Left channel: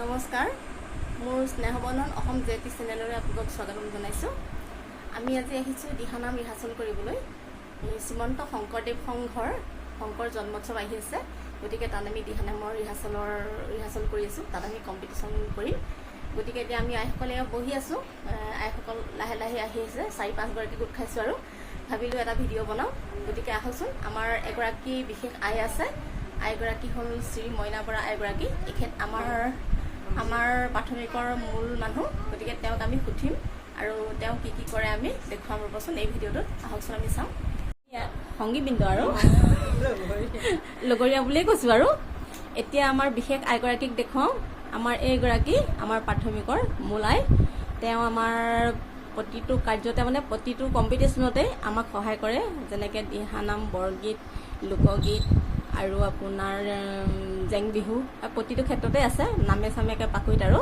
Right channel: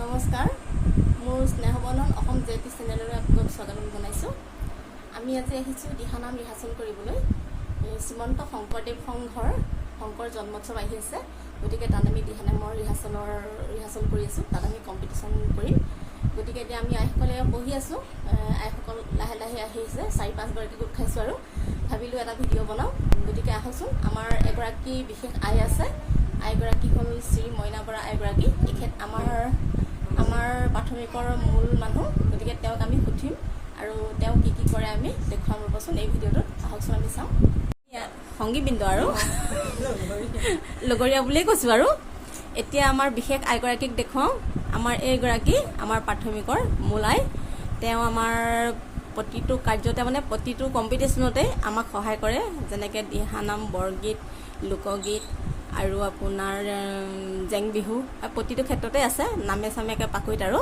নমস্কাৰ মোৰ স্নেহবন্ধন অসম জেটি চেনেলৰে আপোনাক স্বাগতম জনাইছোঁ। আমি আজি আহিছোঁ দিহানাম ৰিহাৰ্চেল কৰিবলৈ। শ্ৰীমন্ত শংকৰদেৱ সংঘৰ শংকৰ জন্মোৎসৱ আহি আছে, গতিকে তাত আমি দিহানামৰ ৰিহাৰ্চেল কৰি আছোঁ। তাত আমি কম্পিটিশ্যন কৰিম। গতিকে এতিয়া আমি আইসকলে বহি আছোঁ। আইসকল লাহে লাহে আহি আছে, 4-5গৰাকী গোট খাইছোঁ আৰু ভাবিলোঁ এটা ভিডিঅ' বনাওঁ। গতিকে আহকচোন, আমাৰ এগৰাকী বিশেষ আই আছে। আইগৰাকী হ'ল শ্ৰী মইনা বৰা আইগৰাকী। এখেত আমাৰ প্ৰাথমিকৰ মূল মানুহ, গতিকে তেওঁক আমি সুধিম আৰু তেওঁ কি কি কৰে আমি দেখুৱাম। ৰ'বচোন এই ভিডিঅ'টোত আহকচোন আমি চাওঁ। সংগীবৃন্দ আৰু লগৰীয়া বুলিয়ে কৈছোঁ আৰু এতিয়া আমাৰ বিশেষ আইগৰাকীক দেখুৱাওঁ। আমাৰ এইগৰাকী আমাৰ প্ৰাথমিকৰ মূল আই। তেওঁ আমাৰ প্ৰতিটো কাৰ্যতে প্ৰতিটো কম্পিটিশ্যনতে আমাক সহায় কৰে, যেনেকৈ দিহানাম, বৰগীত, লোকগীত আৰু আপোনাৰ জেং বিহু, প্ৰতিটো ক্ষেত্ৰতে আছে। নামে চামে একে পাকৈত আৰু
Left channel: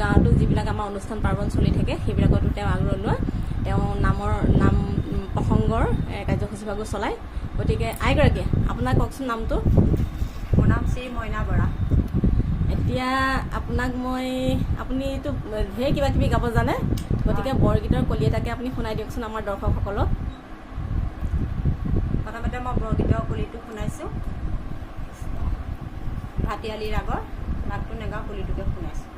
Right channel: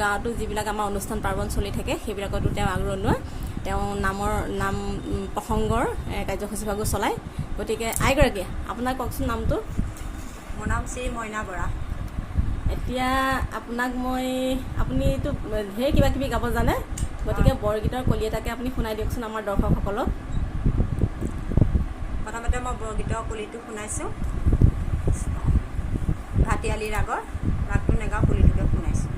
গাঁৱতো যিবিলাক আমাৰ অনুষ্ঠান পাৰ্বণ চলি থাকে সেইবিলাকতো তেওঁ আগৰণুৱা। তেওঁ নাম প্ৰসংগৰ কাৰ্যসূচীভাগো চলায়। গতিকে আইগৰাকী, আপোনাৰ কওকচোন নামটো। মোৰ নাম শ্ৰী মইনা বৰা। এতিয়া আপুনিতো ঢেৰ কিবা কিবি গাব জানে, গতিকে বৰগীতৰ কলি এটাকে আপুনি শুনাই দিয়কচোন আমাৰ দৰ্শকসকলক। প্ৰথমতে মই বৰগীতৰ কলিটো শুনাইছোঁ। ভাটিয়ালি ৰাগটো নেগাওঁ, কলিটোকে শুনাইছোঁ।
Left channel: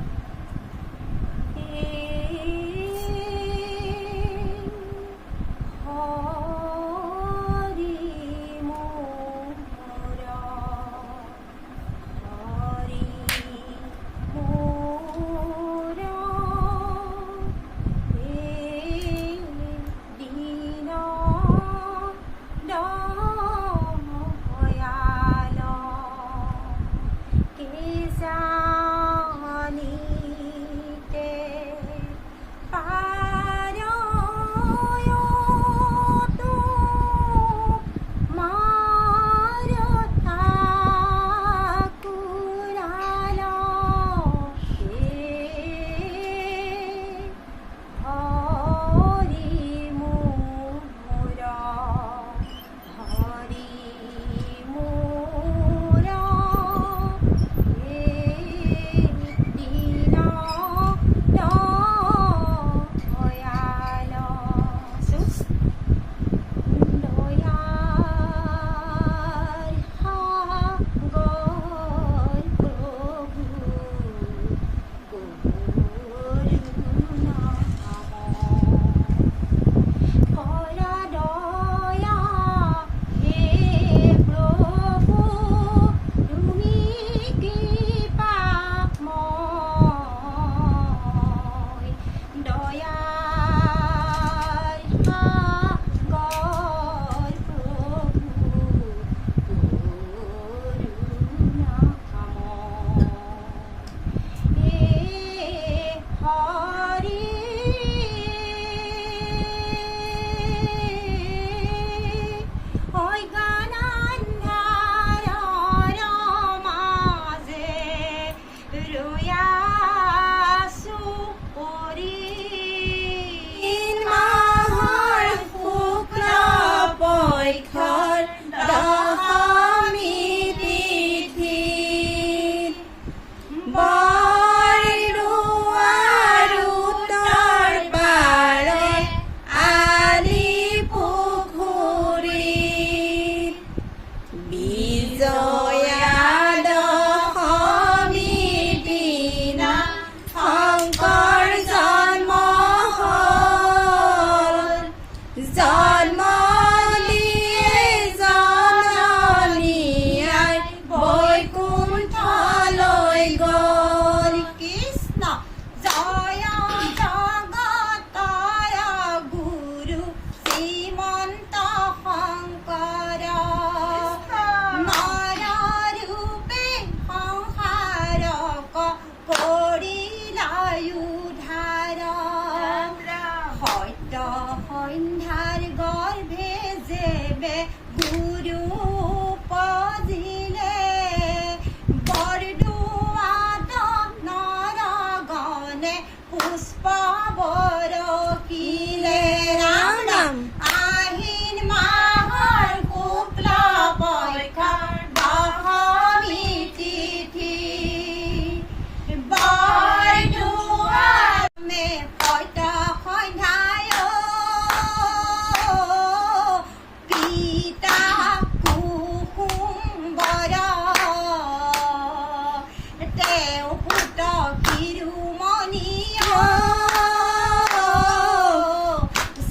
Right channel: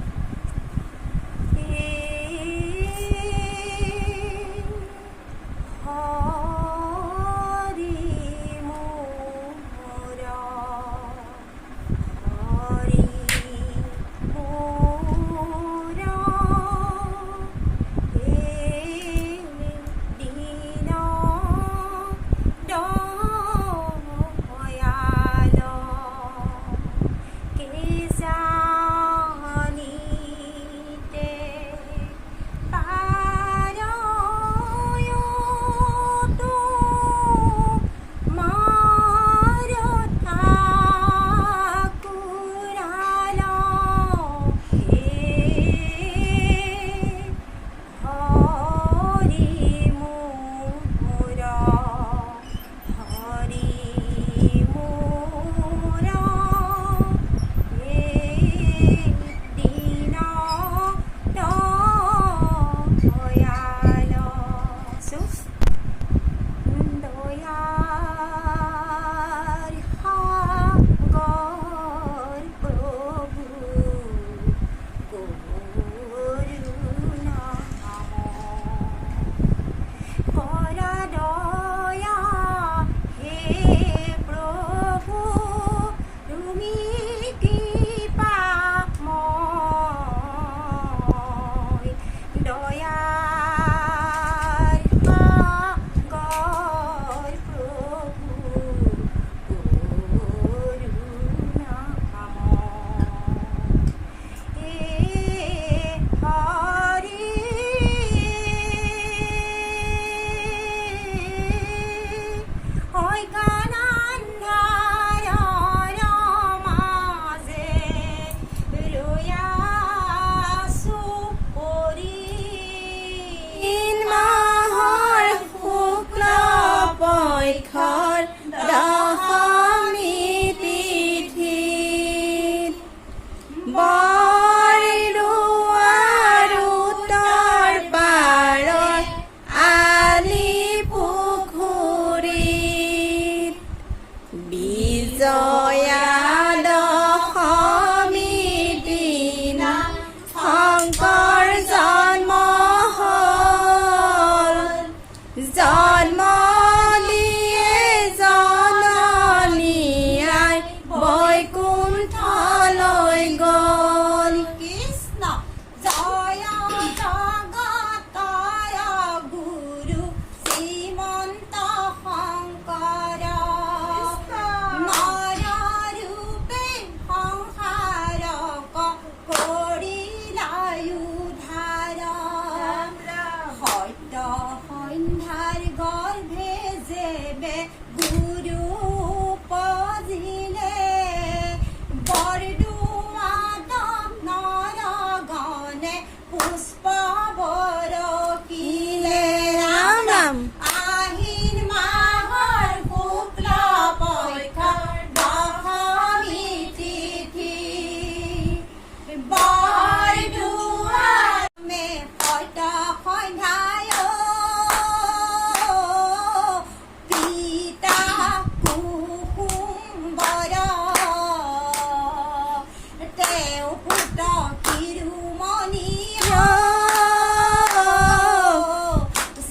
তেওঁ পুত শিৰোমণি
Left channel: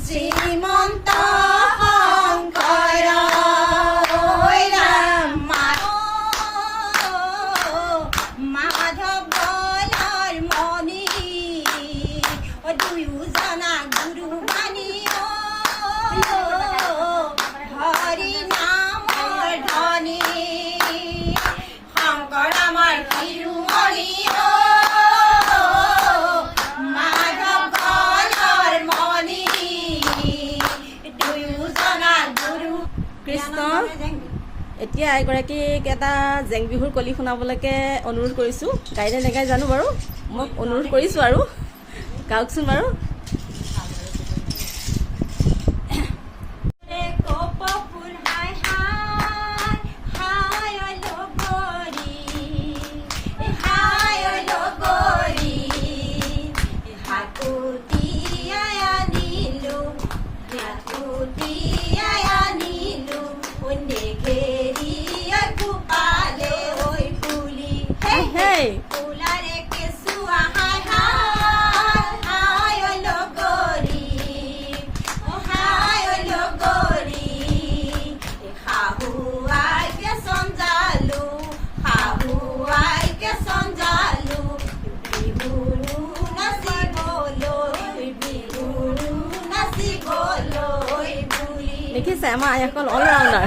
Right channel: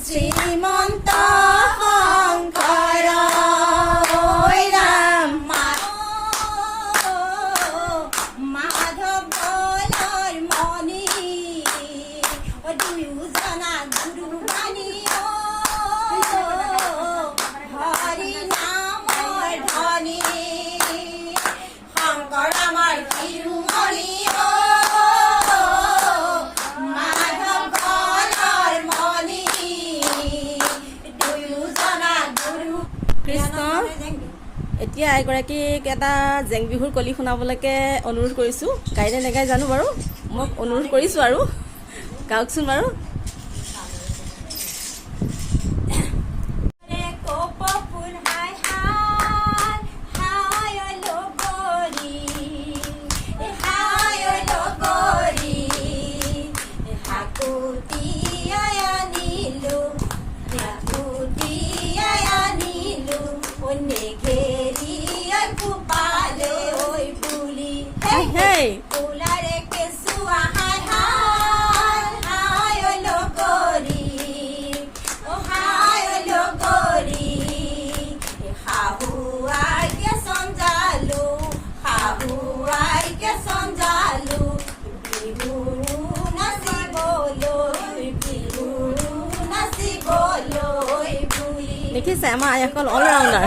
শ্ৰীমন্ত শংকৰ মাধৱ গলৰ মণি দুয়োজনা গুৰু বাণী হৰি নামৰ ধনী শংকৰ আমাৰ শিৰোমণি মাধৱ গলৰ মণি দুয়োজনা গুৰু কৃষ্ণ এতিয়া এগৰাকীক এটা জেং বিহুৰ কলি শুনাবলৈকে অনুৰোধ কৰিছোঁ। গাইনে নেগাই জানো বাৰু, মোক অনুৰোধ কৰিছোঁ আৰু গাওকচোন বাৰু। Hey! দেখিছে আমাৰ আইসকল অলৰাউণ্ডাৰ।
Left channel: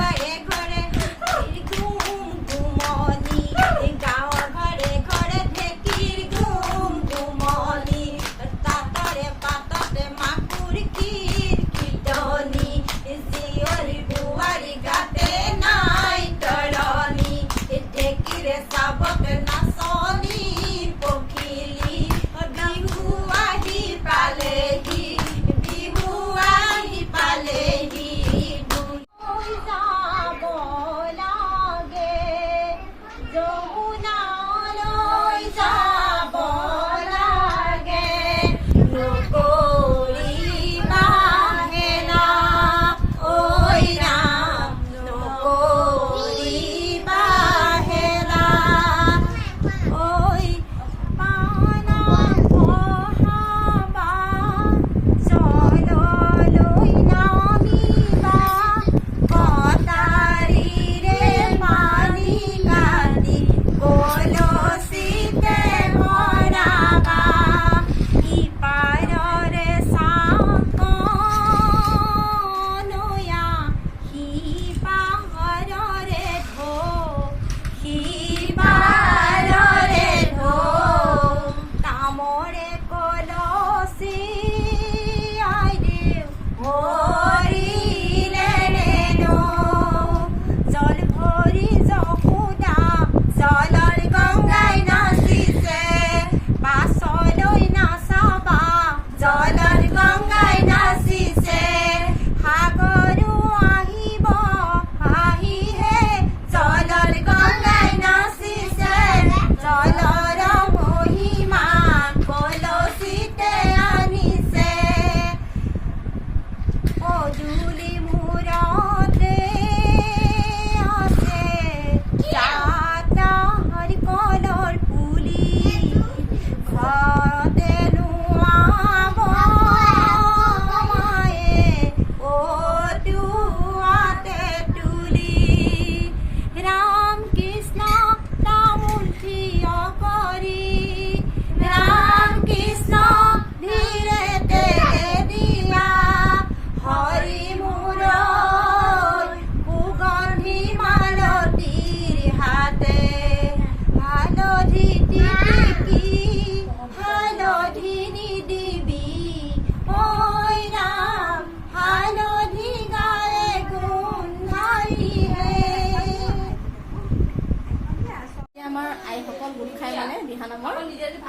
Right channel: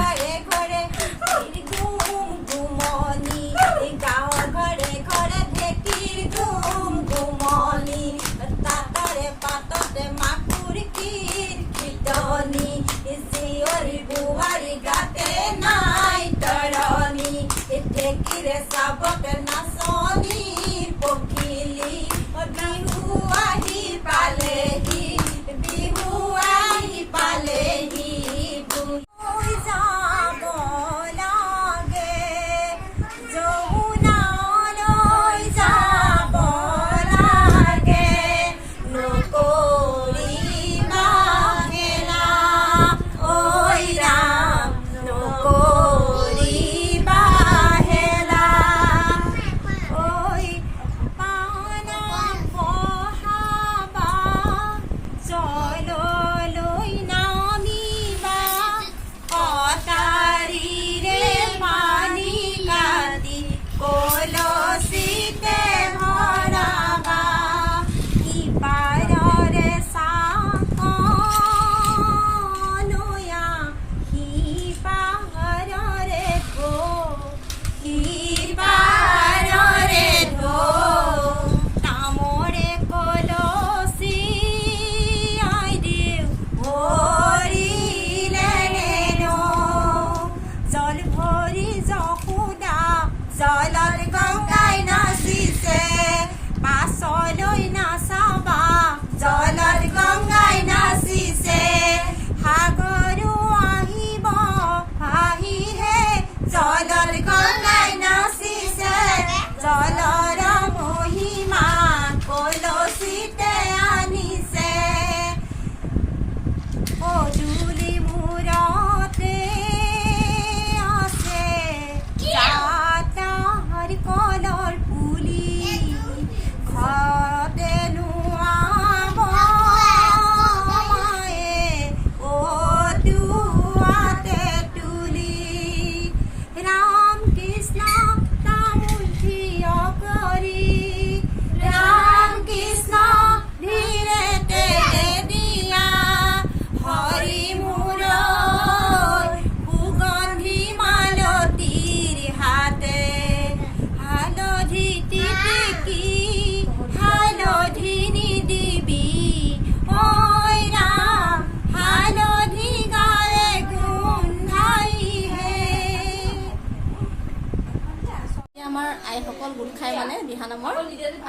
আমাৰ আইসকল গোট খাই মানে দিহানামৰ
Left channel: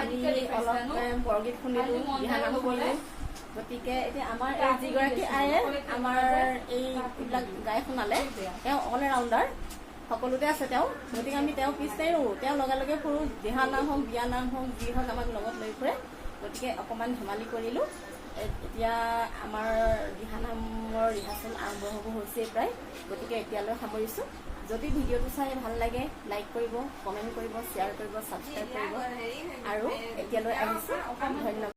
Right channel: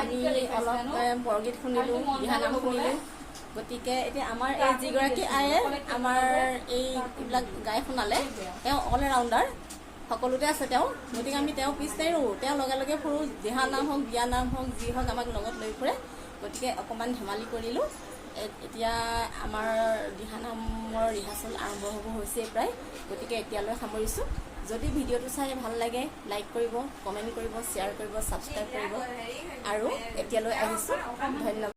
আমি অলপ বৰগীত শুনিলোঁ, দিহানাম শুনিলোঁ। গতিকে এতিয়া আমাৰ এই যিগৰাকী আয়ে আমাৰ এইবিলাক গাই শুনালে, তেওঁ অল ৰাউণ্ডাৰ, সকলোতে আছে তেওঁ। গতিকে আমি তেওঁ পিছ নেৰোঁ, তেওঁ লগে লগে ফুৰোঁ, দিহানাম হওক বিয়ানাম হওক যি হওক আমাক লগত লৈ ফুৰে। গতিকে অকণমান ধেমালি কৰিলোঁ। এতিয়া আমাৰ দিহানামৰ ৰিহাৰ্চেল আৰম্ভ হ'ব হৈছেই প্ৰায়। গতিকে এতিয়ালৈ সামৰিছোঁ। যদি ভিডিঅ'টো চাই ভাল লাগে লাইক কৰিব, কমেণ্ট কৰিব, শ্বেয়াৰ কৰিব, ছাবস্ক্ৰাইব কৰিব আৰু এতিয়ালৈ আহিছোঁ। ধন্যবাদ।